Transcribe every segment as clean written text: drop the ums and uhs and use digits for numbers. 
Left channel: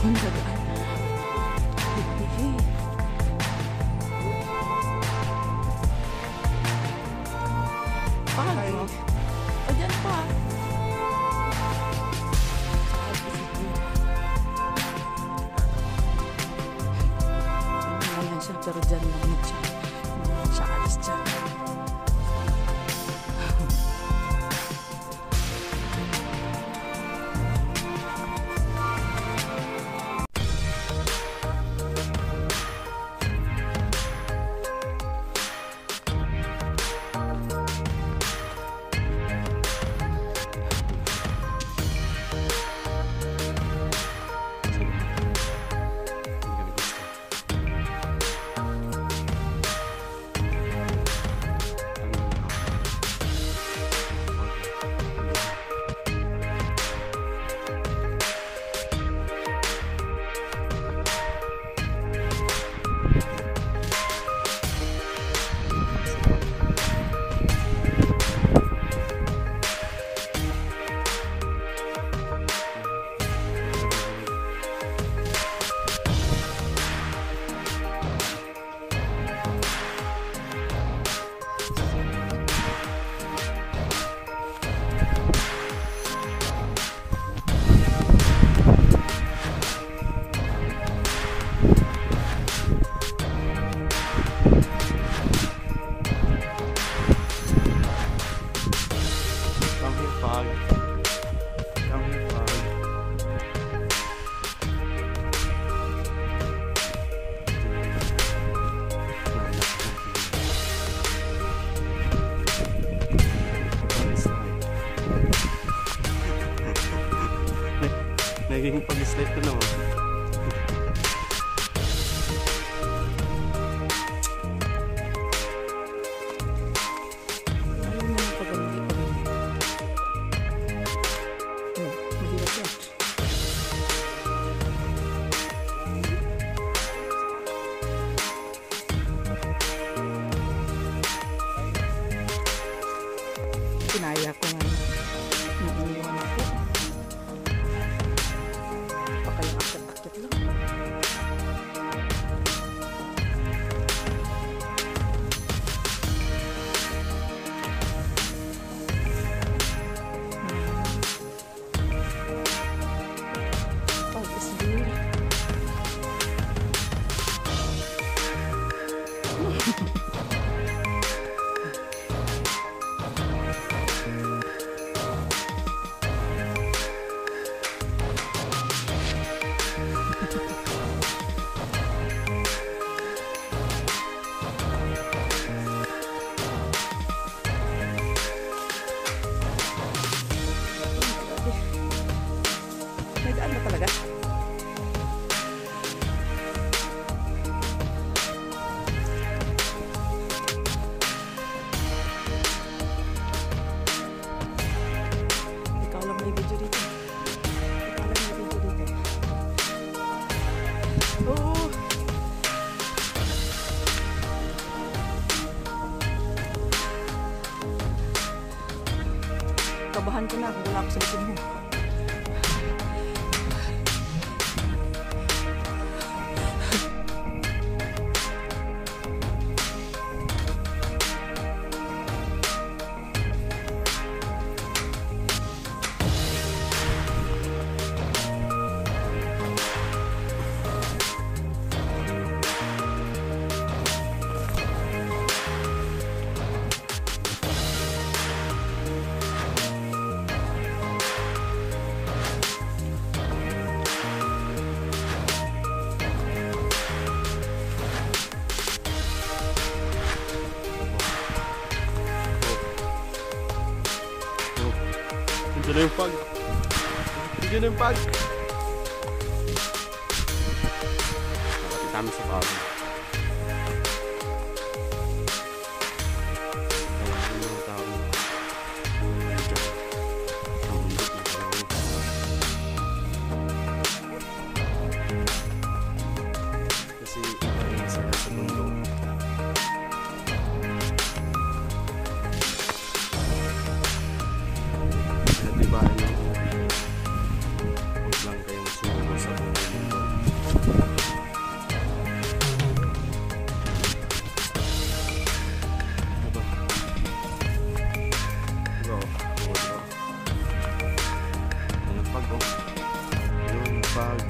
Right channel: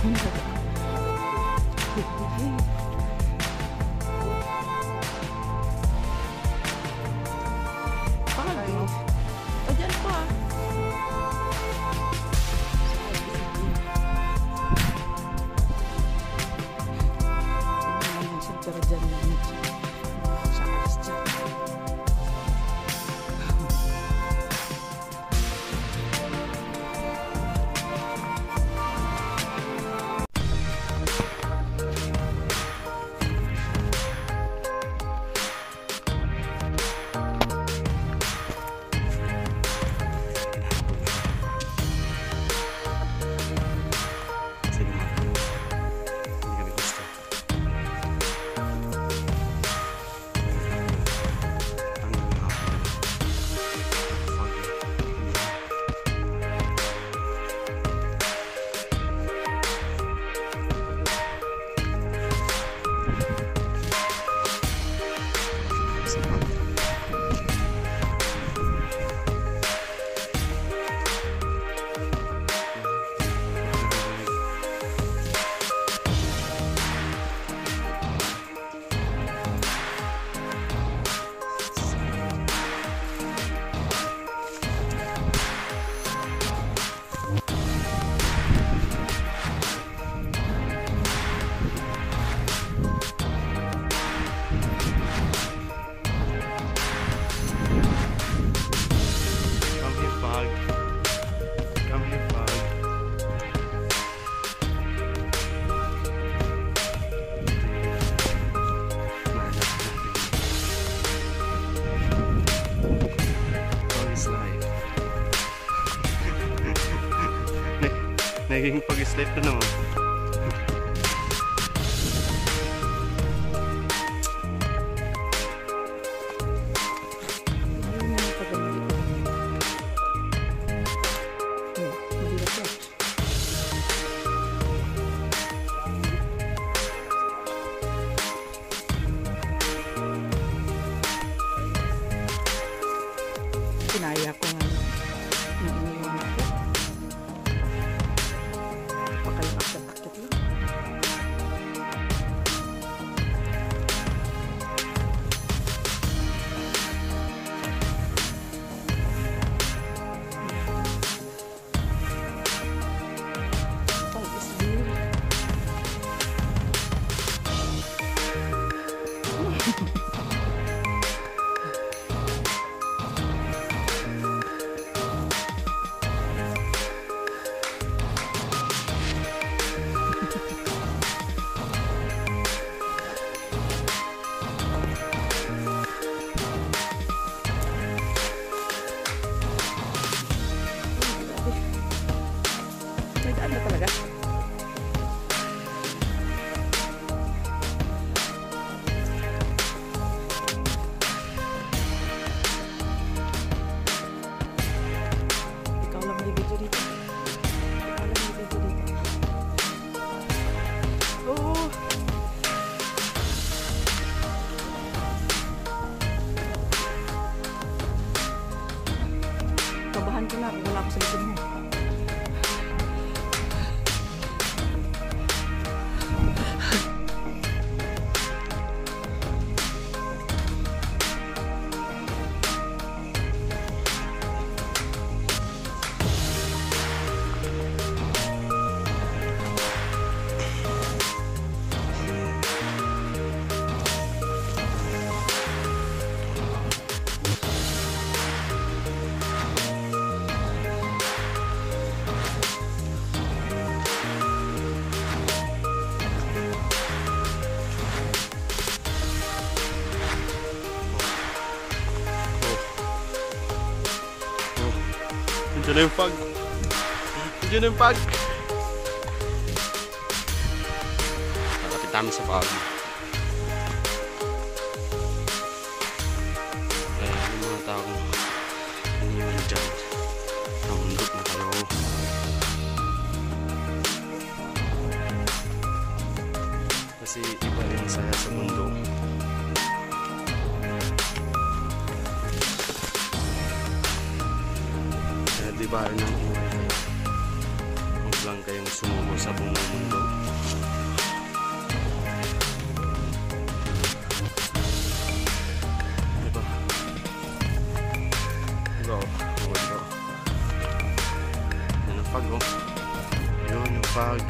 naman dadaan. Pagi. O, dyan pa. Pero dyan lang siya. Hindi siya alis dyan. Come here, Pug. Pug is life. Naging Pug is life na naman. Kinaya ko nga nung iniwan ako. Baka yung akit-akit lang. Pag is here. May daan na talaga. Ikaw lang may video dito. Ikaw lang may video dito. Oh! Kabahan ko na kung wala ako sa likod mo. Nandiyan na yung Pug. Nandiyan na yung Pug. Nakapit namin sa Pug. Kaya yung mga taong iniwan dyan. Namundok na kayo. Kasi iba yung saya sa mundo. Kaya diba ng buhay. Ang lang kayong sumuko sa buong mundo. Diba? Diba? Oo, diba? Yan ang pag, oh. Yun yung pag.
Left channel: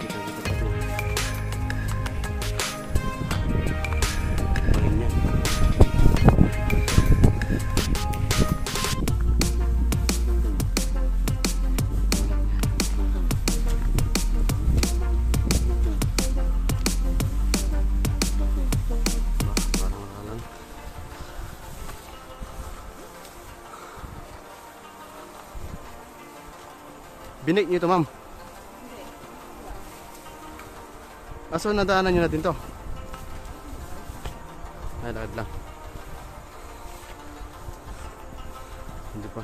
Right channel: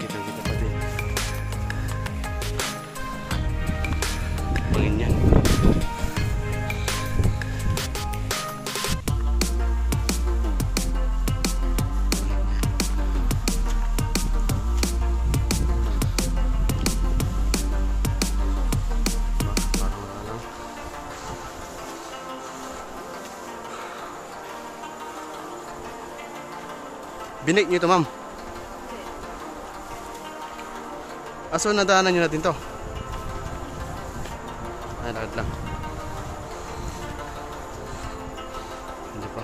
Kita pa din. Pangin yan. Binig nyo ito, ma'am? Hindi. Aso nadaanan nyo natin to? Ay, lakad lang. Hindi pa.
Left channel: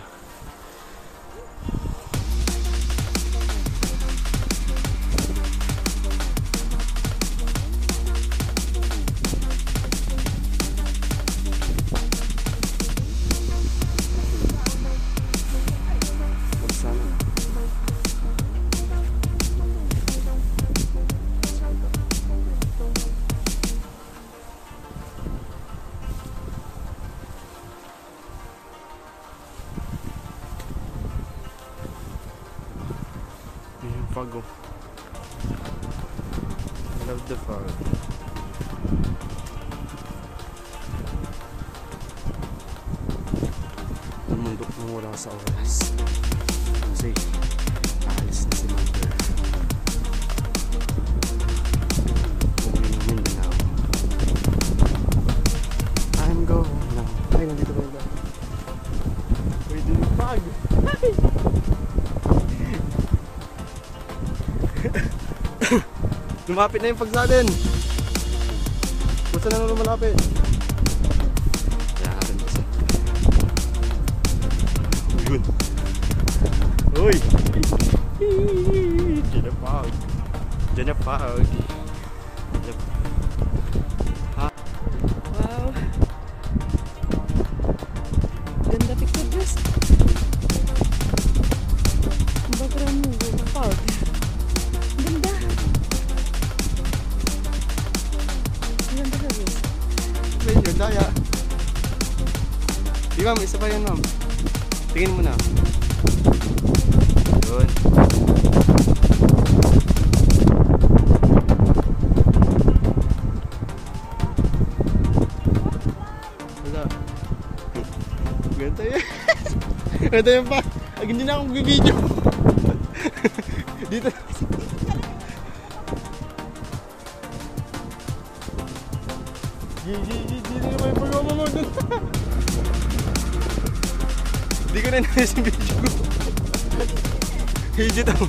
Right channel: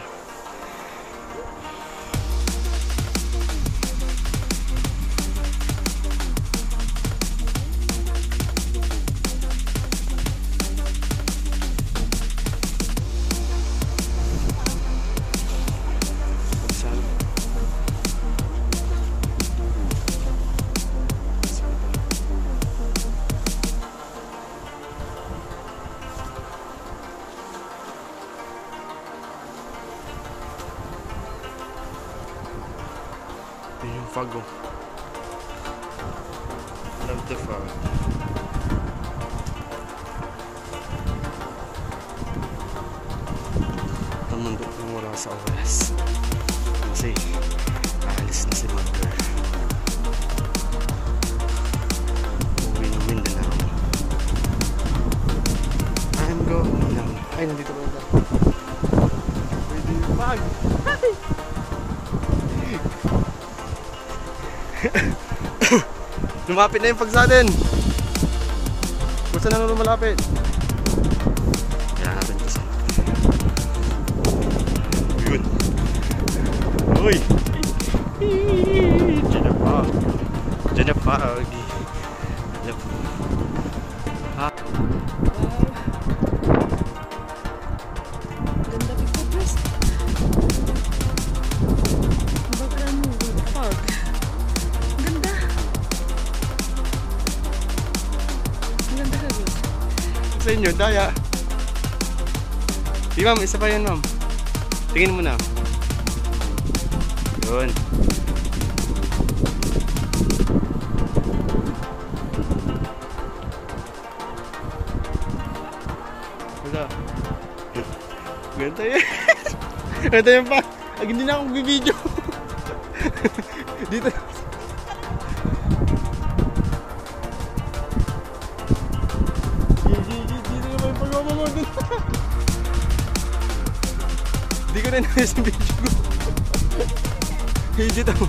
Yun yung fog, oh. Love the fog. Namundok nang wala sa oras. Kasi aalis na si Mother. Uuwi ng Mindanao. I'm going now. Ay, nandito pa ito. Pwede yung fog. Hi! Lumapit na yung pagsalin. Gusto na nga lumalapit. Kaya natin kasi. Yun. Uy. Diyan na pag. Diyan na pag. Ha? Wow. Ganda picture, Diyos. Ang background mo, fog. Ganda. Ganda ka, Diyos. Sa inyo, daya. Di ma'am, isa pa yan, ma'am. Tingin mo na. Yun. Wala. Ganda yan. Ganda yan pa. Hindi na akong bibidyo. Dito. Dito naman yung pag-oma mo dun. Hindi ko na nais yung video ko. Higit ako.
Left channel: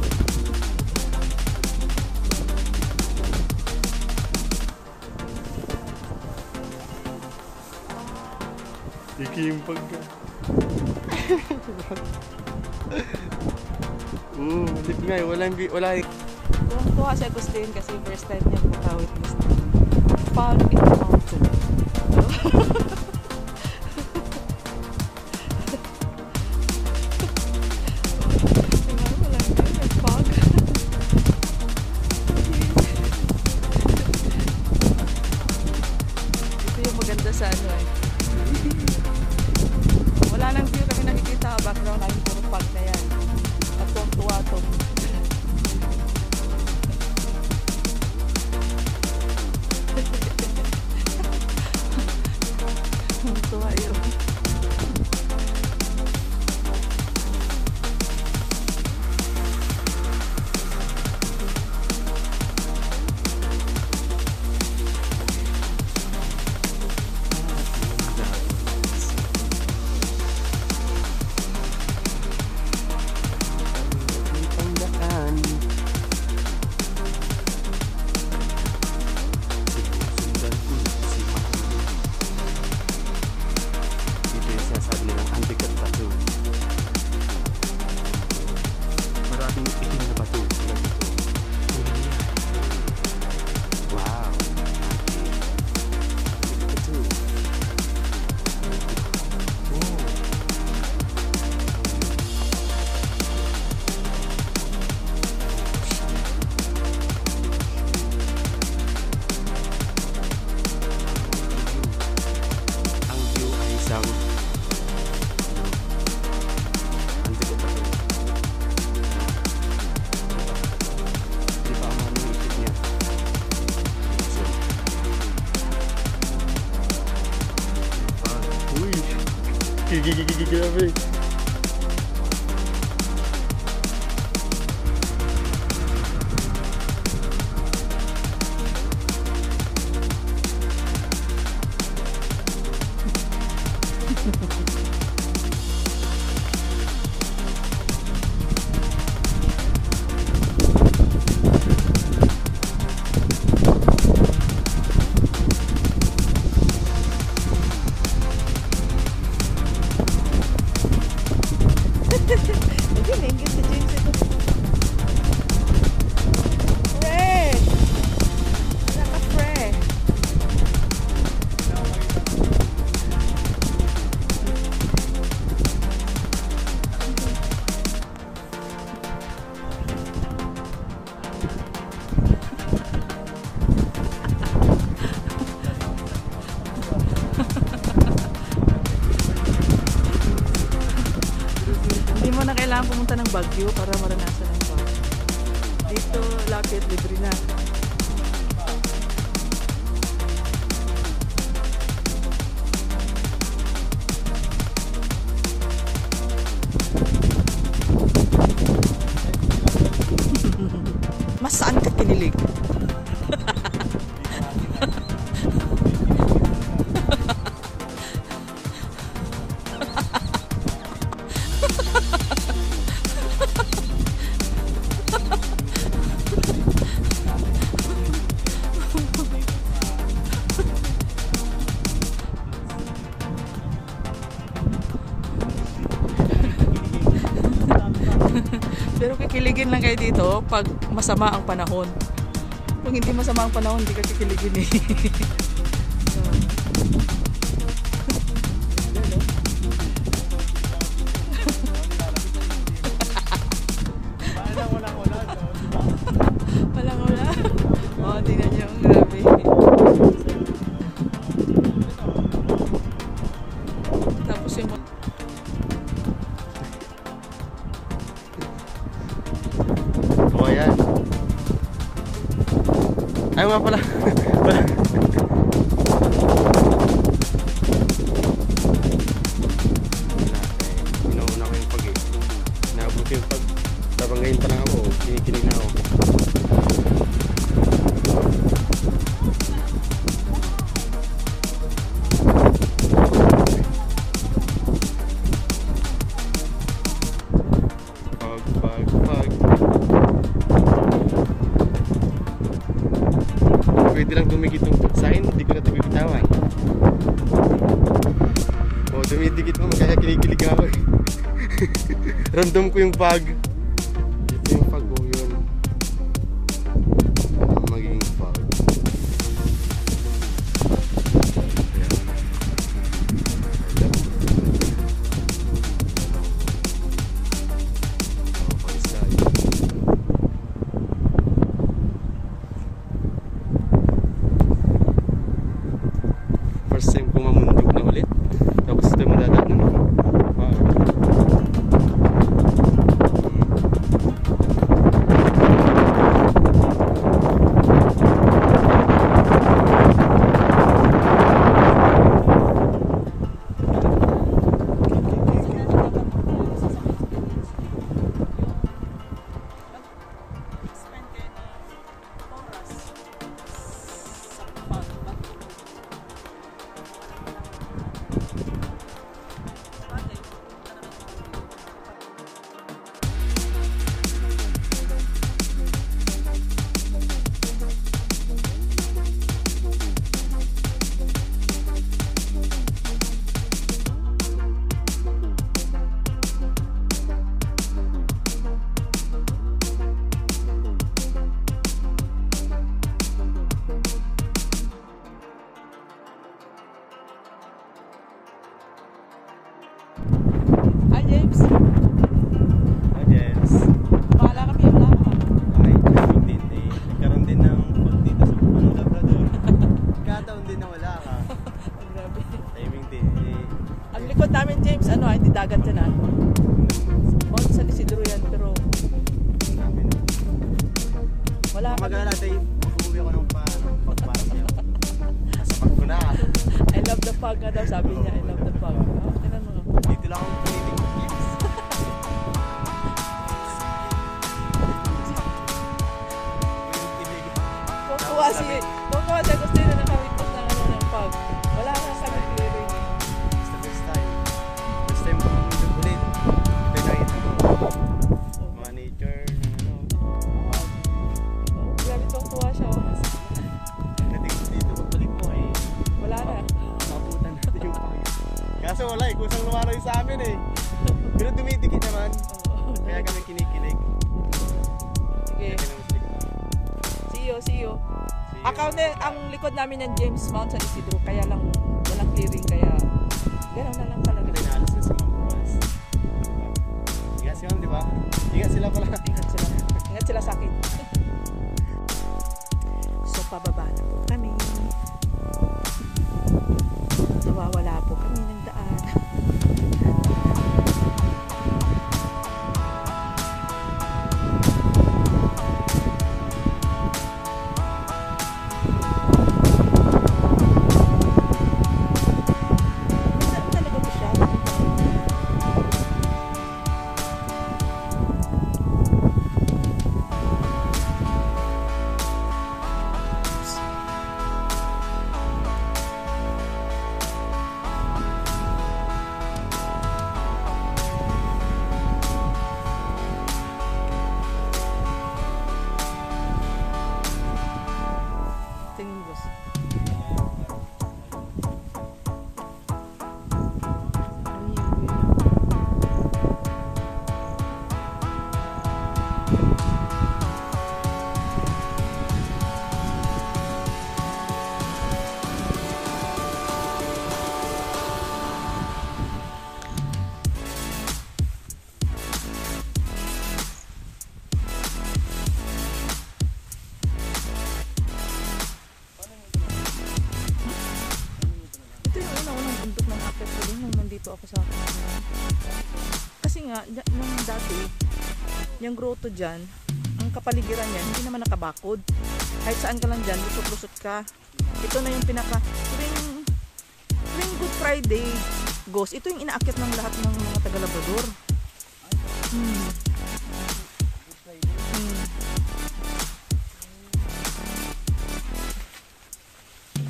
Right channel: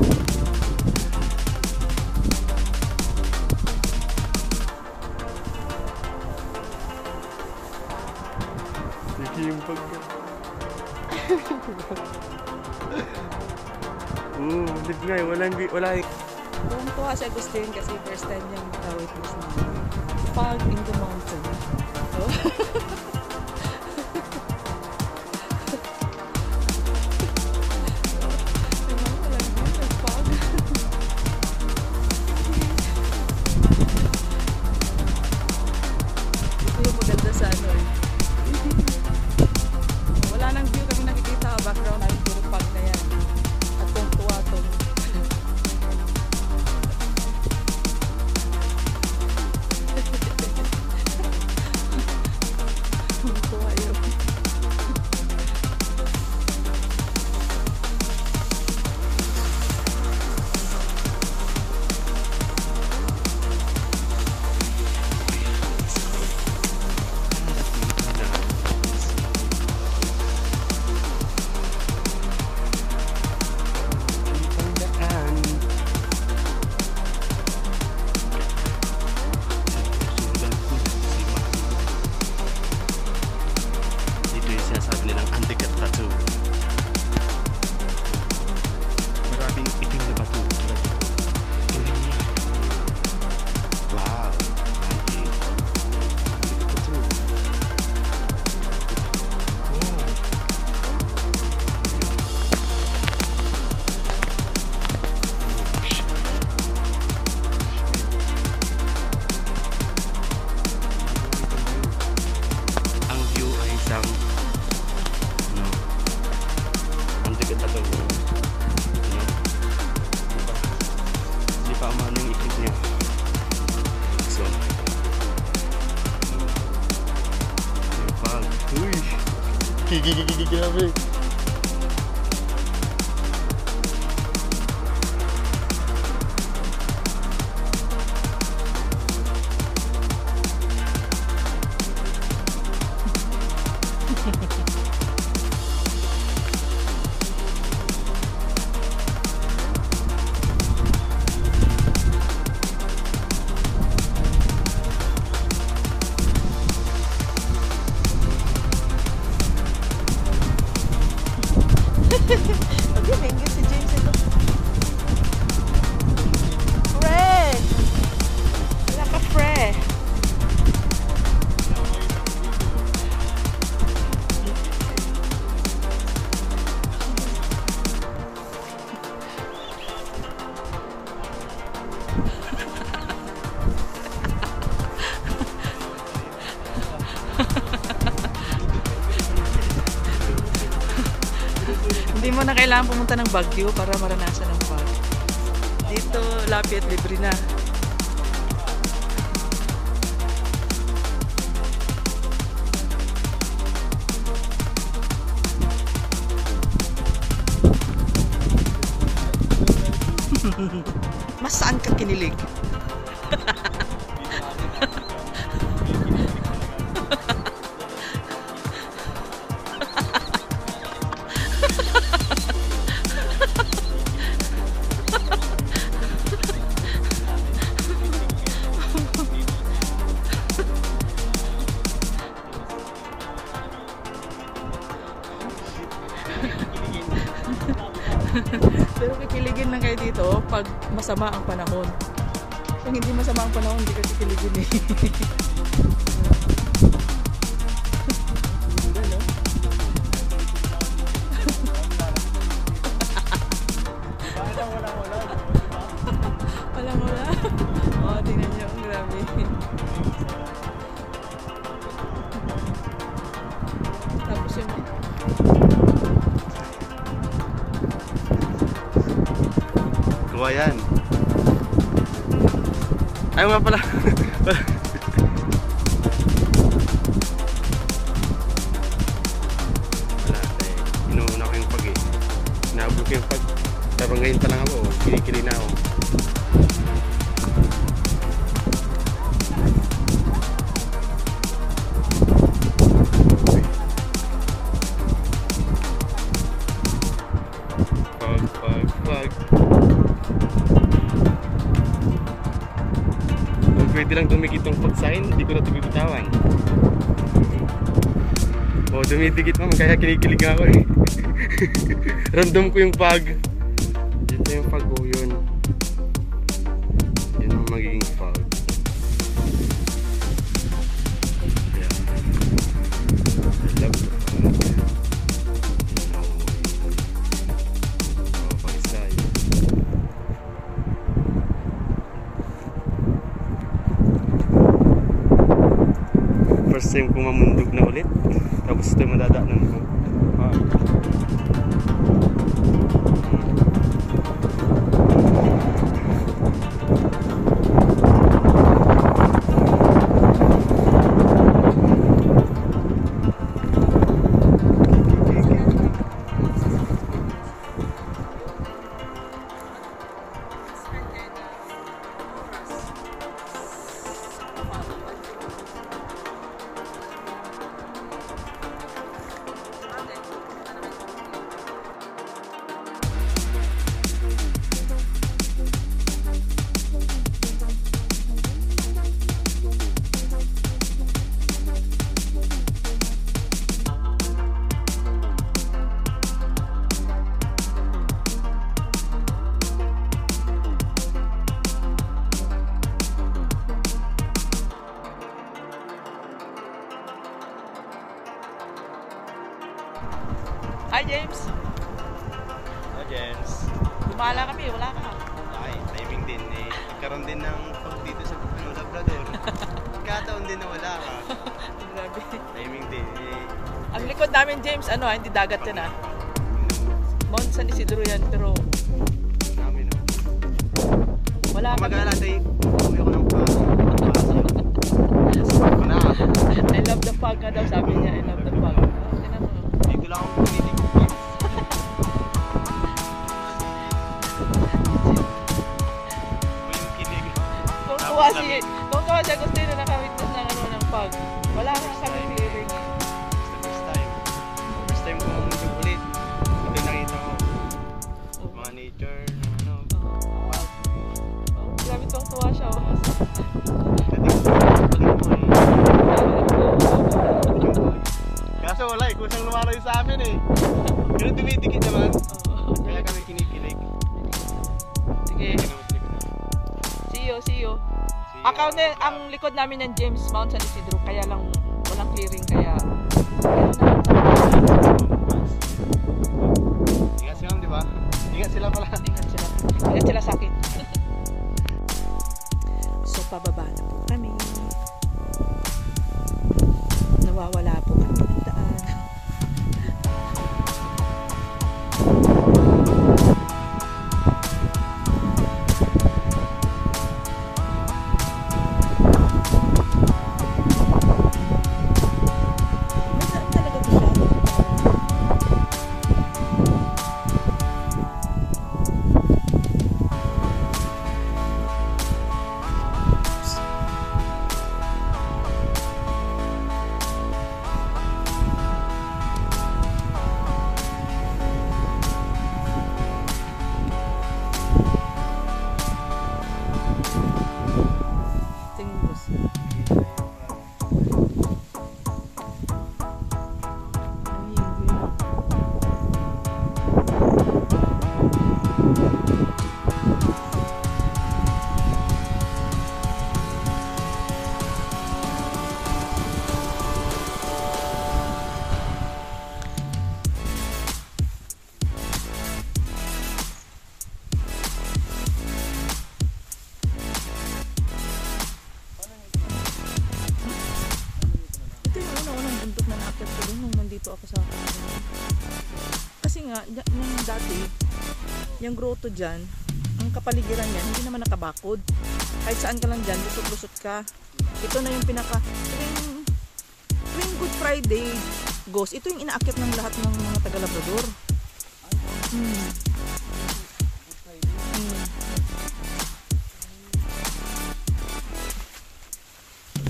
Iki yung pagka. Malip nga eh. Wala eh. Tuwang-tuwa si Agustin kasi first time niya makawitness ng fog in the mountain. So, walang view, may fog. Ito yung maganda sa ano eh. Wala nang view kami nakikita. Background namin puro fog na yan. At tuwang-tuwa tong grabe. Okay, may ingit si James ito. Wait! Wala ka, pre. Hindi mo na kailangan pumunta ng Baguio para maranasan ang fog. Dito, lapit, libre na. Mas saan ka kinilig? Pero kikiligin lang kayo dito pag masama ang panahon. Kung hindi masama ang panahon, hindi ka kikiligin eh. Ganda, no? Walang-wala. Oo, tingnan nyo. Ang grabe. Tapos yung... Ayan. Ayaw nga pala. Wala eh. Inuuna ko yung pag eh. Naabot ko yung pag. Tapos ngayon pa lang ako. Kinikilig na ako. Pag. Pwede lang dumikit yung pagsain, hindi ko na ito bibitawan. O, dumidikit mo, kaya kinikilig ako eh. Random ko yung pag. Dito yung pag ko, yun. Yan ang magiging pag. Yeah. I love the pag. Pag-slide. First time kong mamundog na ulit. Tapos ito yung madadat ng pag. Hi James! Hello James. Bahala kami, wala ka. Ay, timing din eh. Nagkaroon din ng pag dito sa Labrador. Kataon din na wala ka. Grabe. Timing din eh. Ang likod namin James, ano hindi dagat yan ah. Mount San Isidro yan, pero Namin no. wala kami. Mag-alala tayo, umuwi ako ng Pasig. Ko na. I love the fog nga daw, sabi niya. I love the fog. Oh, tinan mo. Dito wala akong tumitig. Tuwa si Agustino nakawitness ng ano ng pag. Wala nga kami clearing eh. First time ko mabundog ulit. Ito nakita ko. Mga nature, ano. Grabe tuwa siya. Kaso wala eh, kusang lumalayo sa amin eh. Pero tumitikit naman. Kaya kami kinikilig. Sige. See you. Ang likod namin ng James Mount San Isidro, kaya lang walang clearing, kaya ingat si ma'am, di ba? Ingat sila pala. Ingat sila sa akin. So, pababa na po kami. Nawawala po kami ng daan. Nung nandito ako sa kanila. Kasi nga, nung dati, yung grotto dyan, ang kapaligiran yan, hindi naman nakabakod. Kahit saan ka lang dyan, lusot-lusot ka. Ito na yung pinaka, tuwing Good Friday, Ghost, ito yung inaakyat ng lahat ng mga taga-Labrador.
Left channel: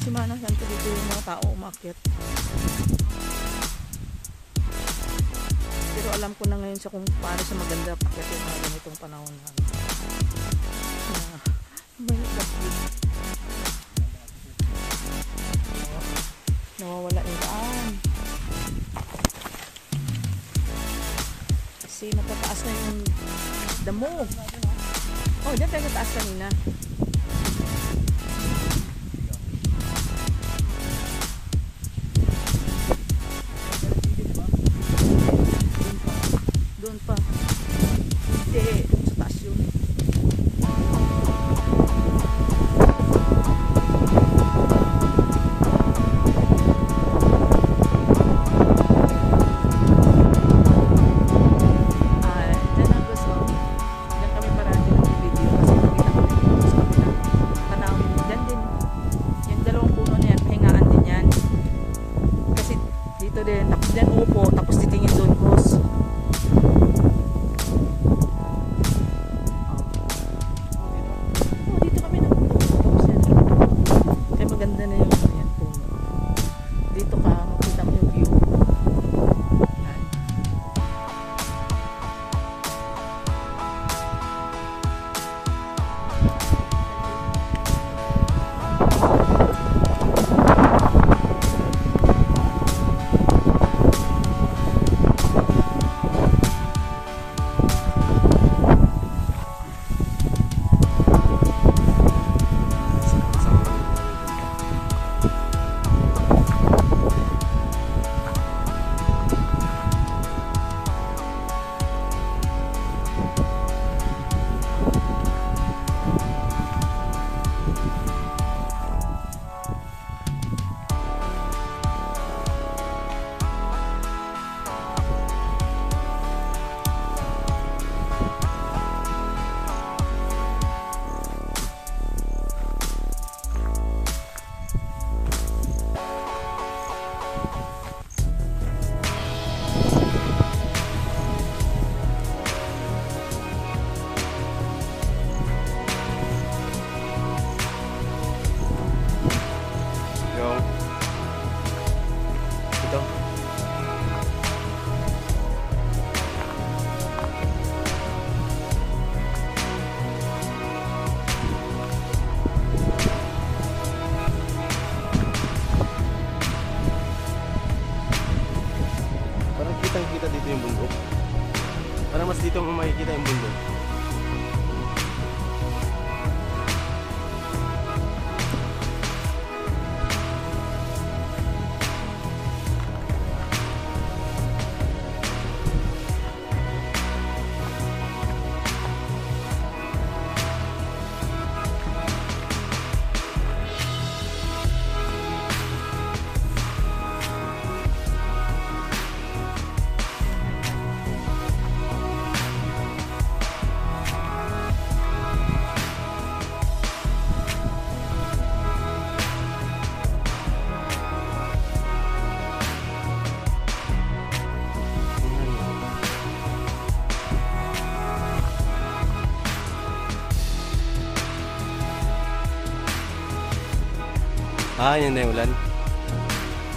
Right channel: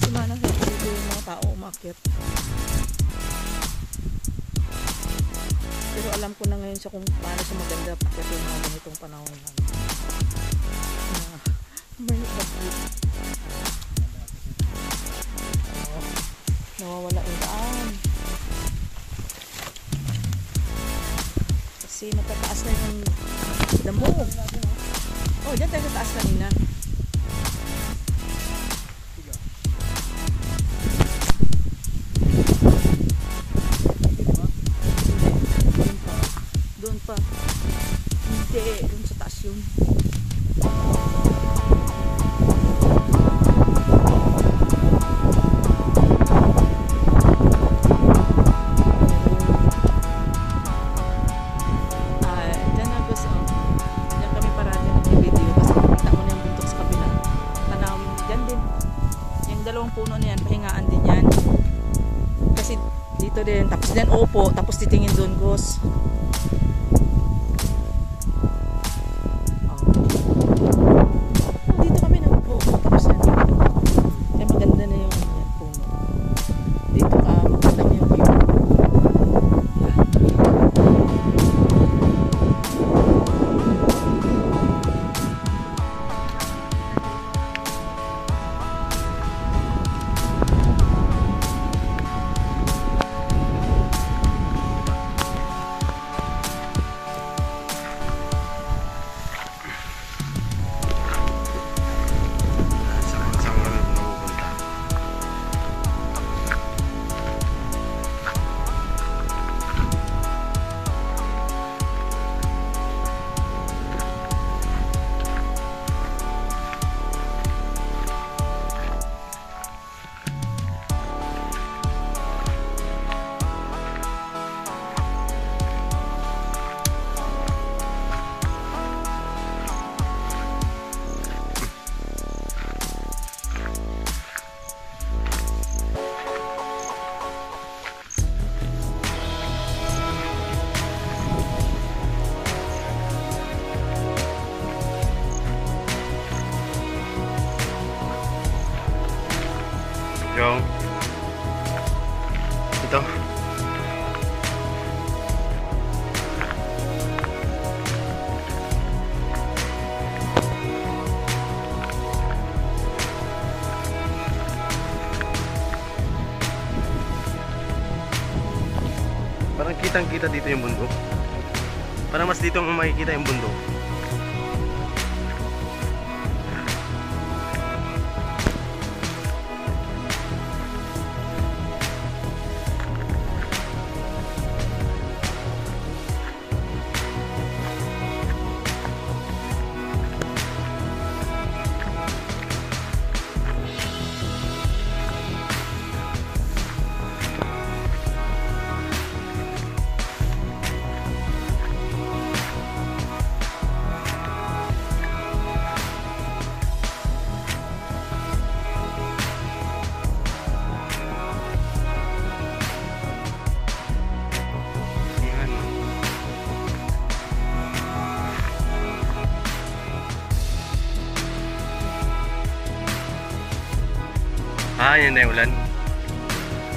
Simana sa dito yung mga tao umakyat. Pero alam ko na ngayon siya kung paano siya maganda pakyat yung mga ganitong panahon lang. May bagyo. Nawawala yung daan. Kasi matataas na yung damo. Oh, dyan tayo sa taas kanina. Doon pa. Hindi, doon sa taas yun. Dyan na gusto. Dyan kami parati mag-video kasi nakita ko yung sa kapila. Tanawin. Dyan din. Yung dalawang puno na yan, pahingaan din yan. Kasi dito din. Tapos dyan upo. Tapos titingin doon, boss. Yung ito. Parang kitang-kita dito yung bundok. Parang mas dito mo makikita yung bundok. Ah, yan na yung ulan.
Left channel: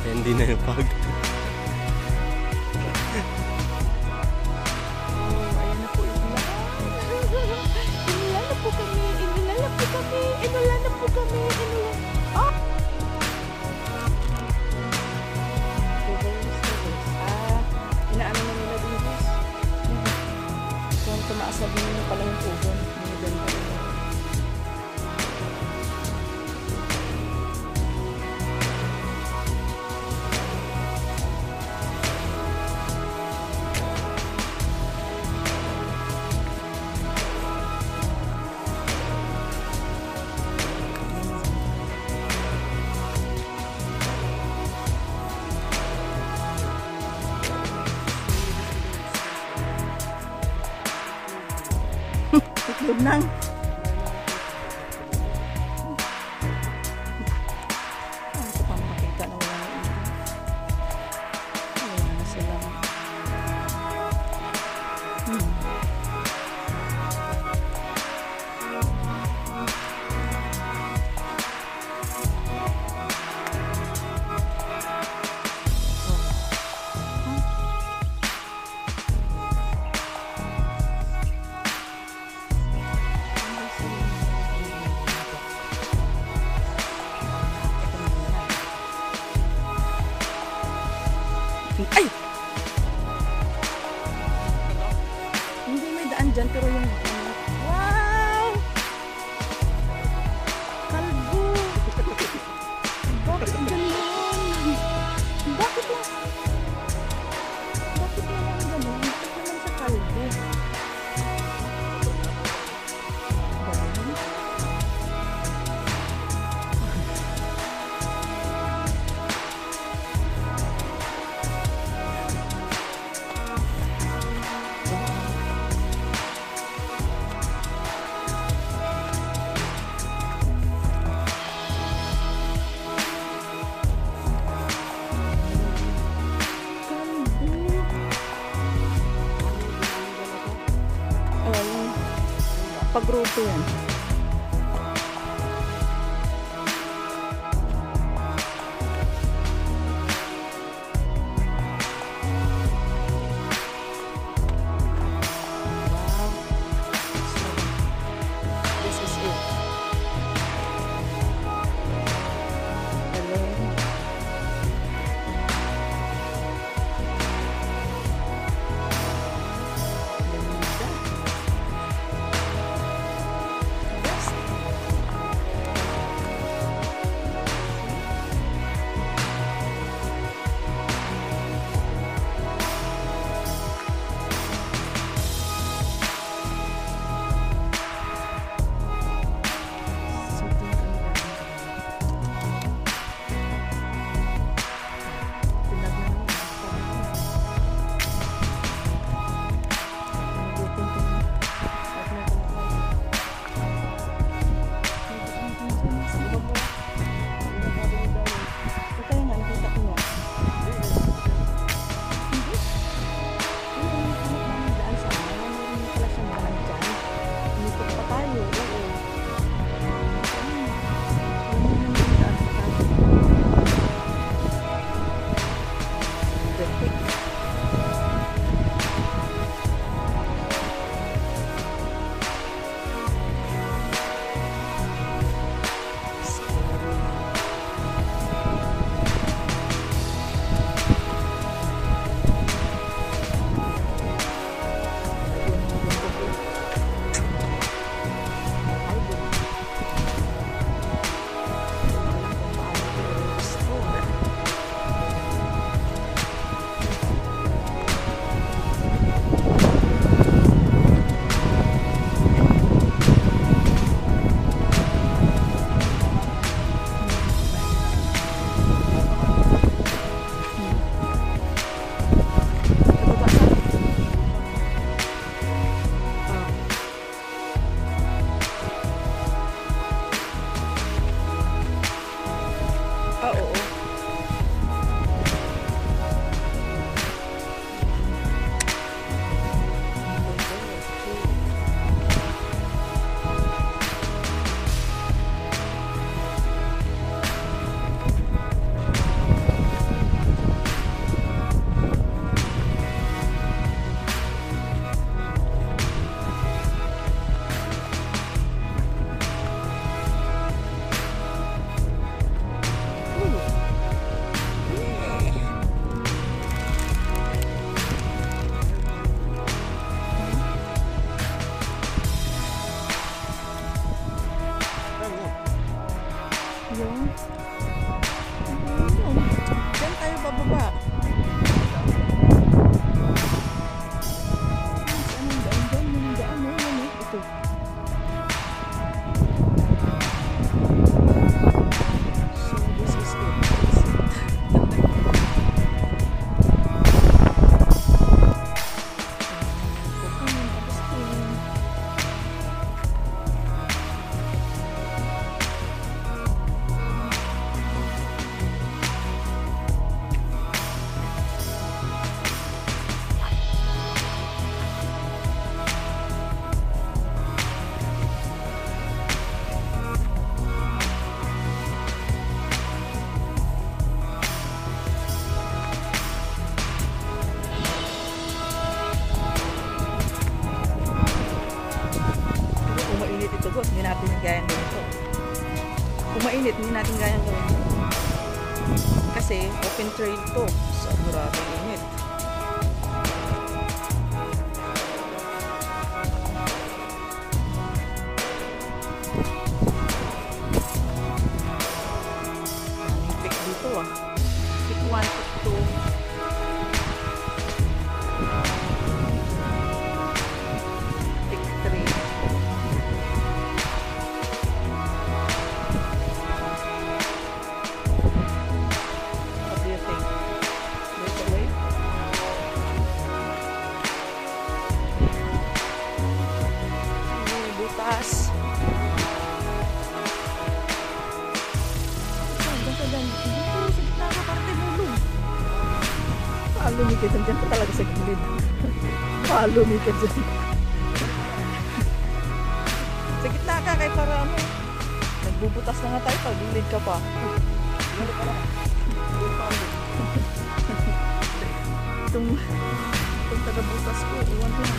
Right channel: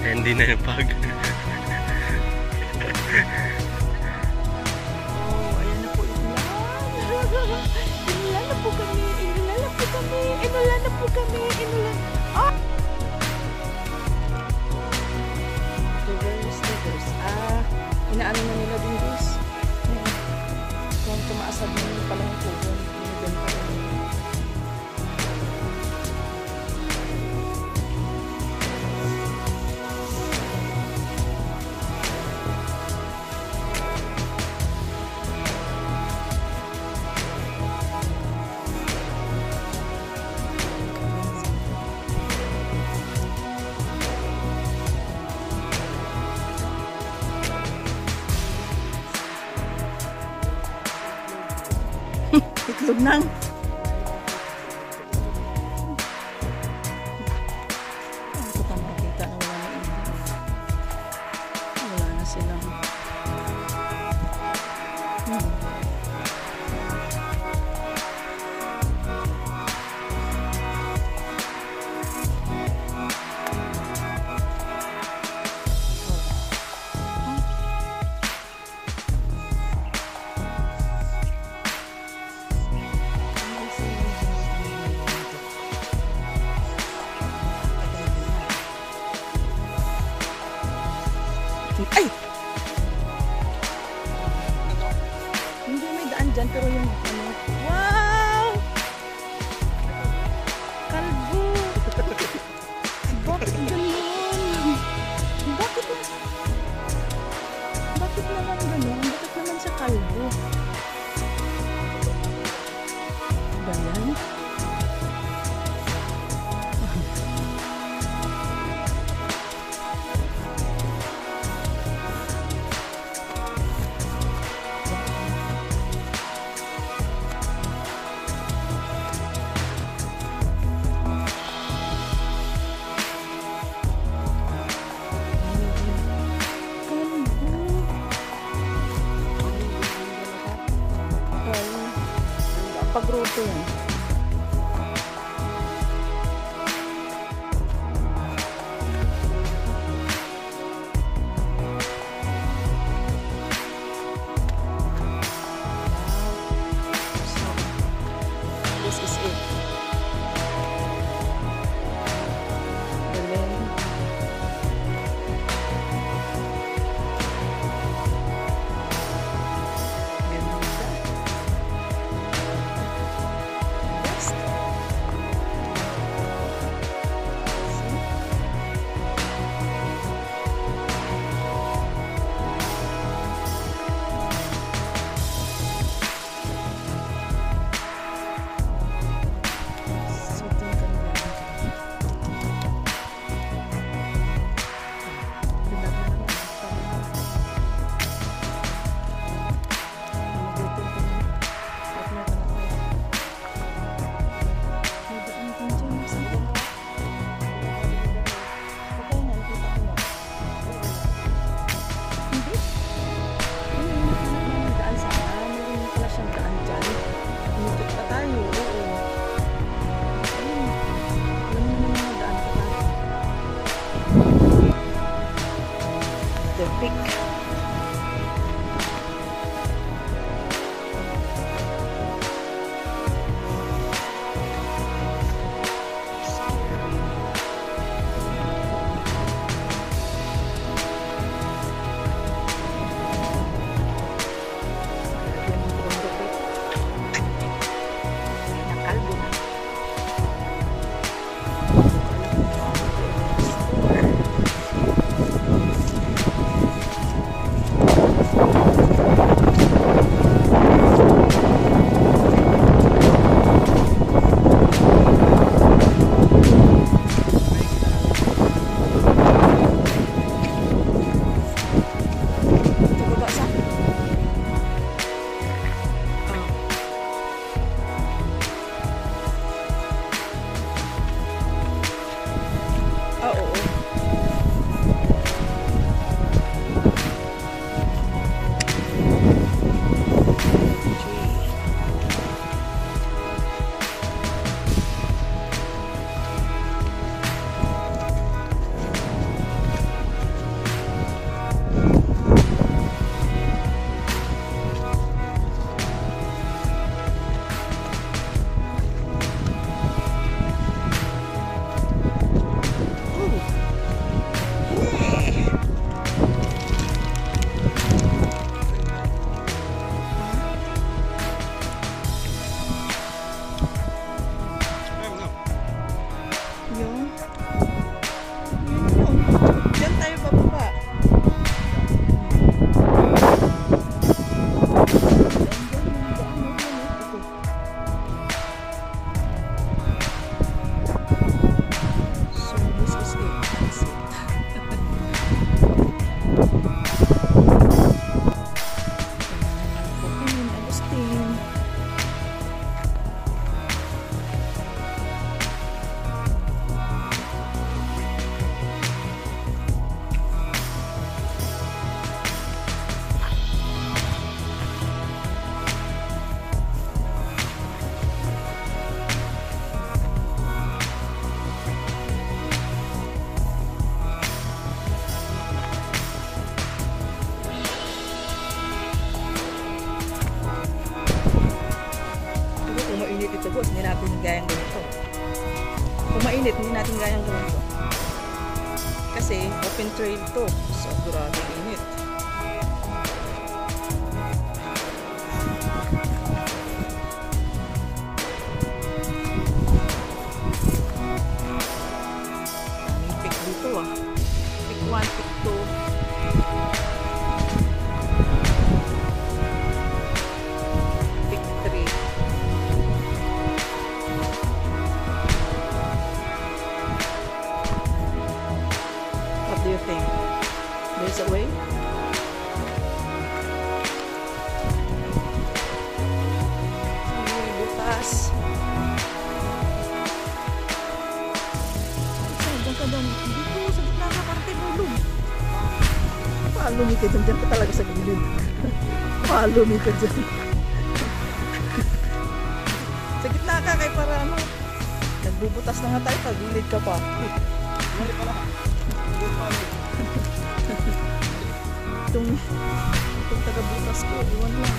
Hindi na yung pag. Oh, ayan na po yung ulan. Inulan na po kami. Inulan na po kami. Inulan na po kami. Inulan. Oh! Reverse. Inaano na nila din, guys. Kung tumaasab nyo pala yung kugon, binibenta rin. Itlog nang. Ito pa makakita na wala na itlog. Wala na silang. Ay! Hindi may daan dyan, pero yung ano. Wow! Kalbo! Bakit ganun? Bakit lang? Bakit naman ganun? Bakit naman sa kalbo? Ganun? Pagruto yan. Wow. So, this is it. Galing. Ganda. ito boss, hindi natin gayang ganito. Kung mainit, hindi natin gayang ganito. Kasi open trail to. Sigurado init. Daming pick dito ah. Pick 1, pick 2. What do you think? There's a way? Ay, butas. Diyan ka dyan. Dito, sa gitna ka, parang tayo mulog. Follow me ka dyan. Diyan ka talaga sa gilid. Follow me ka dyan. Sa gitna ka, kay para ano. Nagbubutas na nga tayo, pag-gilid ka pa. Itong taga-butas ko, iwan lang.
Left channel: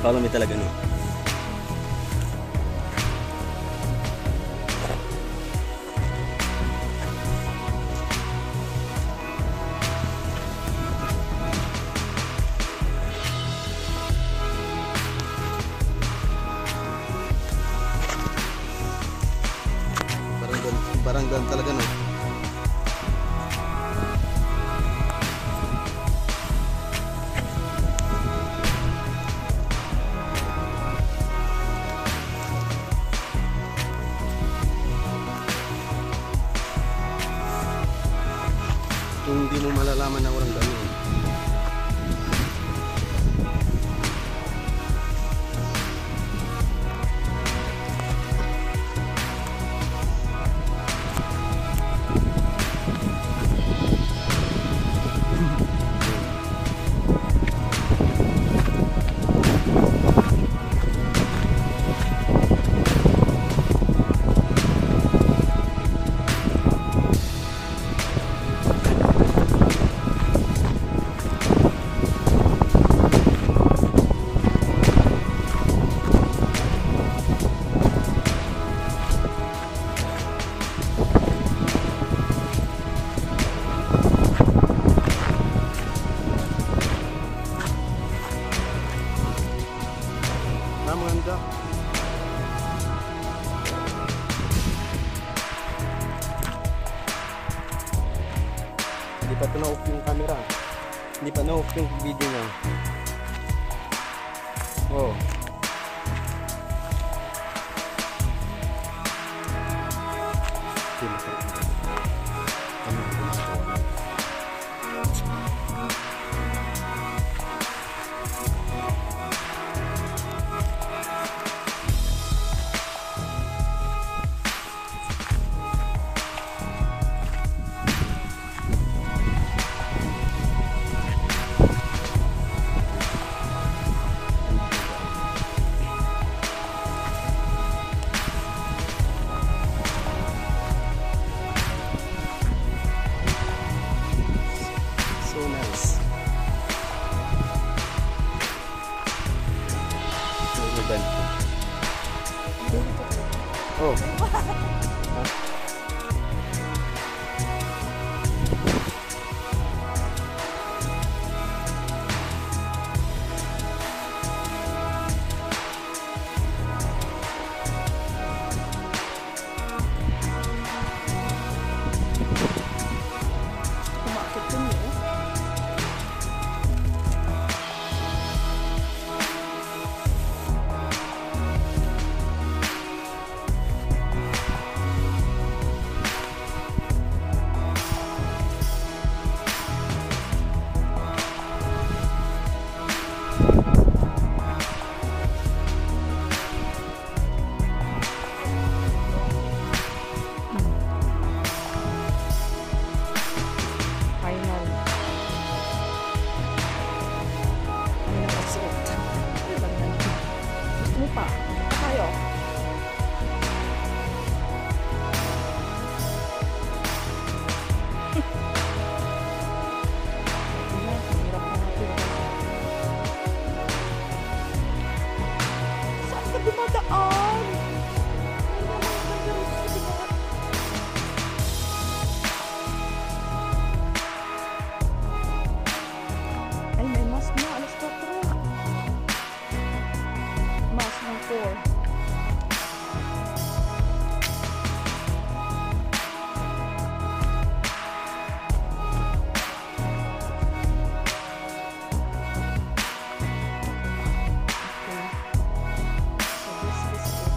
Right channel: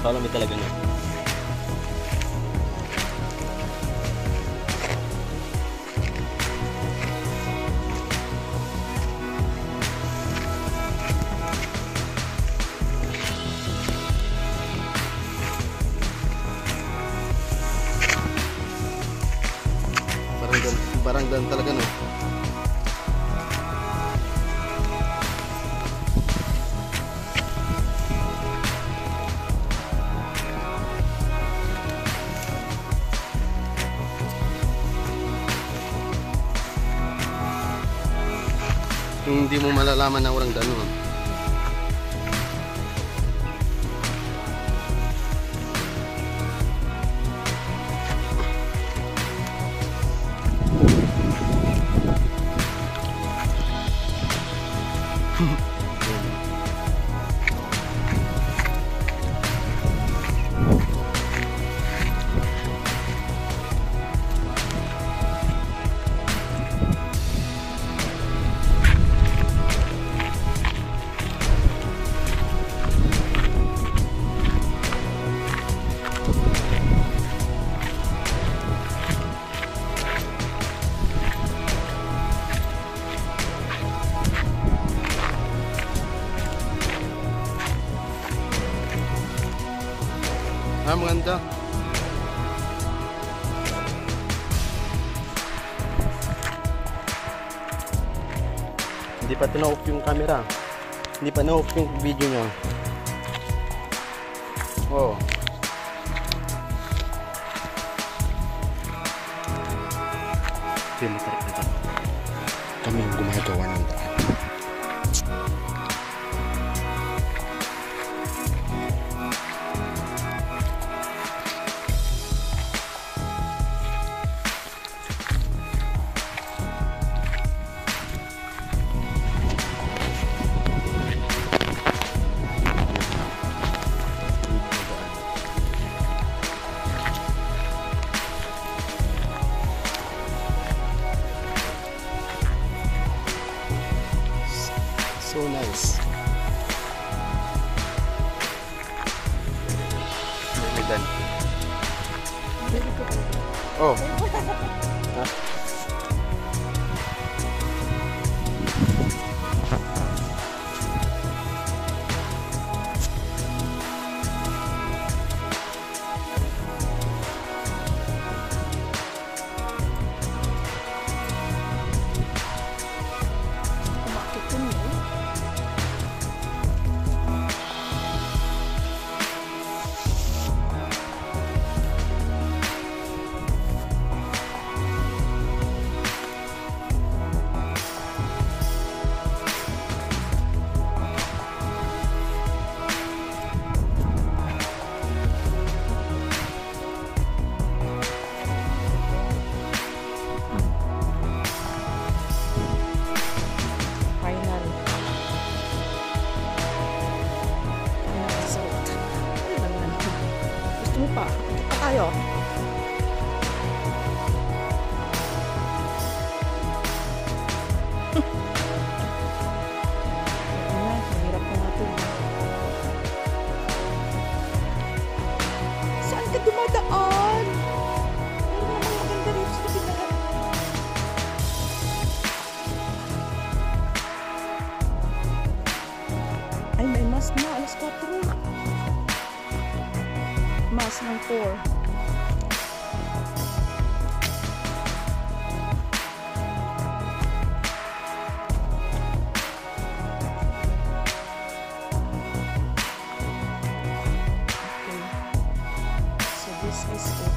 Follow me talaga no. Barang dan talaga no. Hindi mo malalaman na orang gano'n. Maganda. Hindi pa na-off yung camera. Hindi pa na-off yung video niya. Oh. Hindi masarap na. Kami yung gumagawa nila. Dan. Hindi ko talaga. Oh. Ha? Kumakit yun yun. Final. Final assault. Ano lang yan? Gusto mo pa? Ito pa tayo. Ayan, mahirap na natin. Saan ka dumadaan? Meron naman maganda rito sa binahan. Ay, may mas na. Alas 4. Mas ng 4. Okay. So this is it.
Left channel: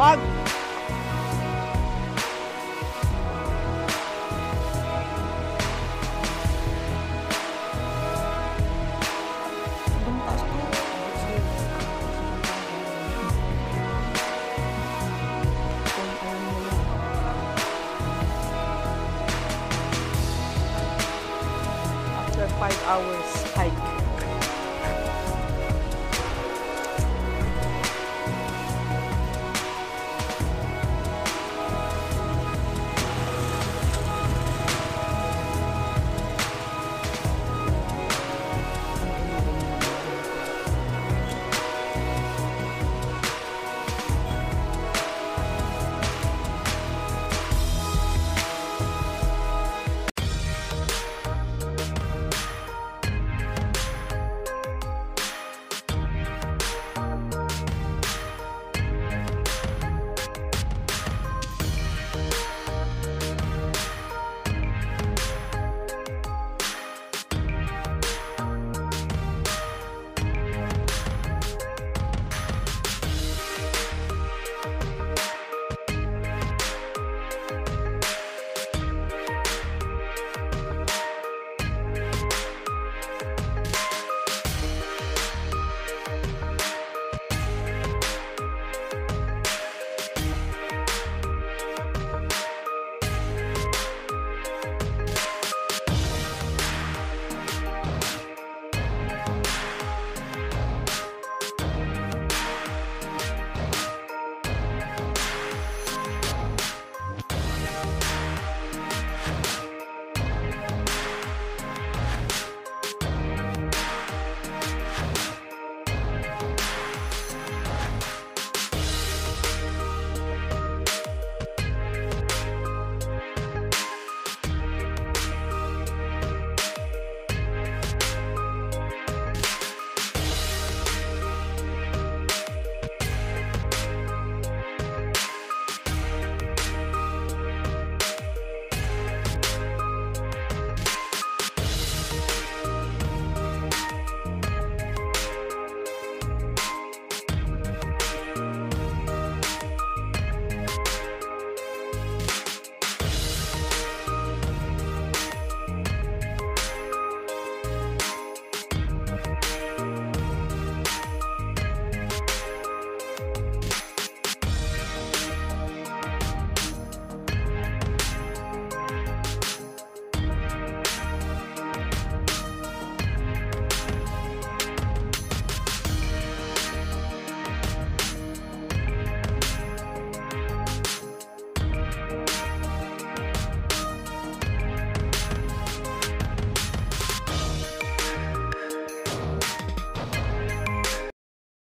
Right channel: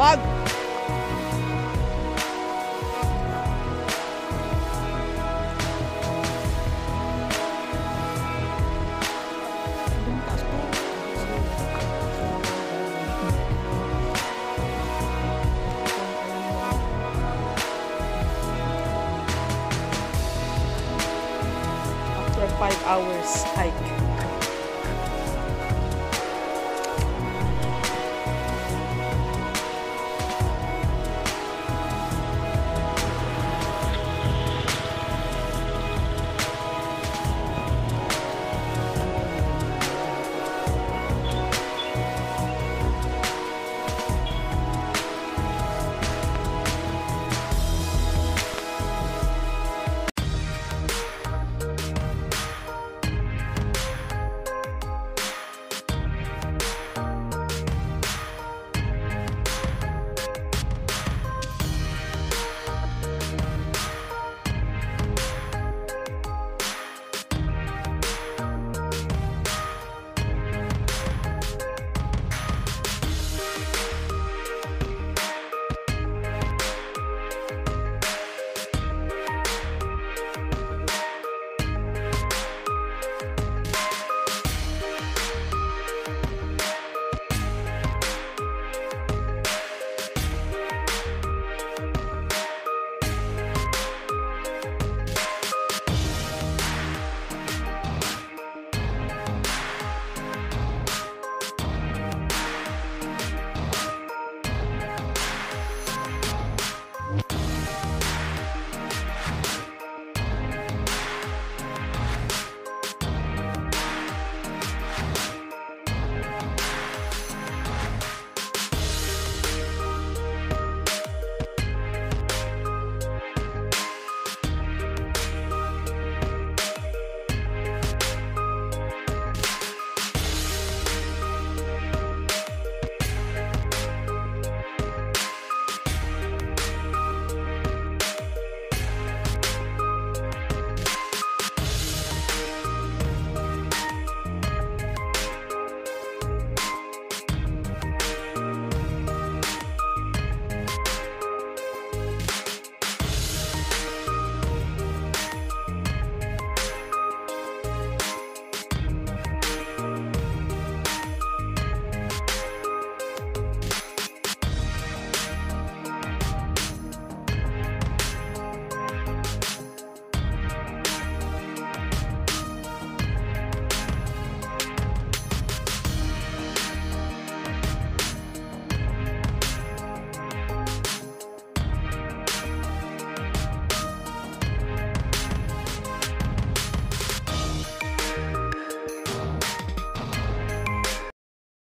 Wag! Sobrang taas to. Kung alam mo yan. After 5 hours hike.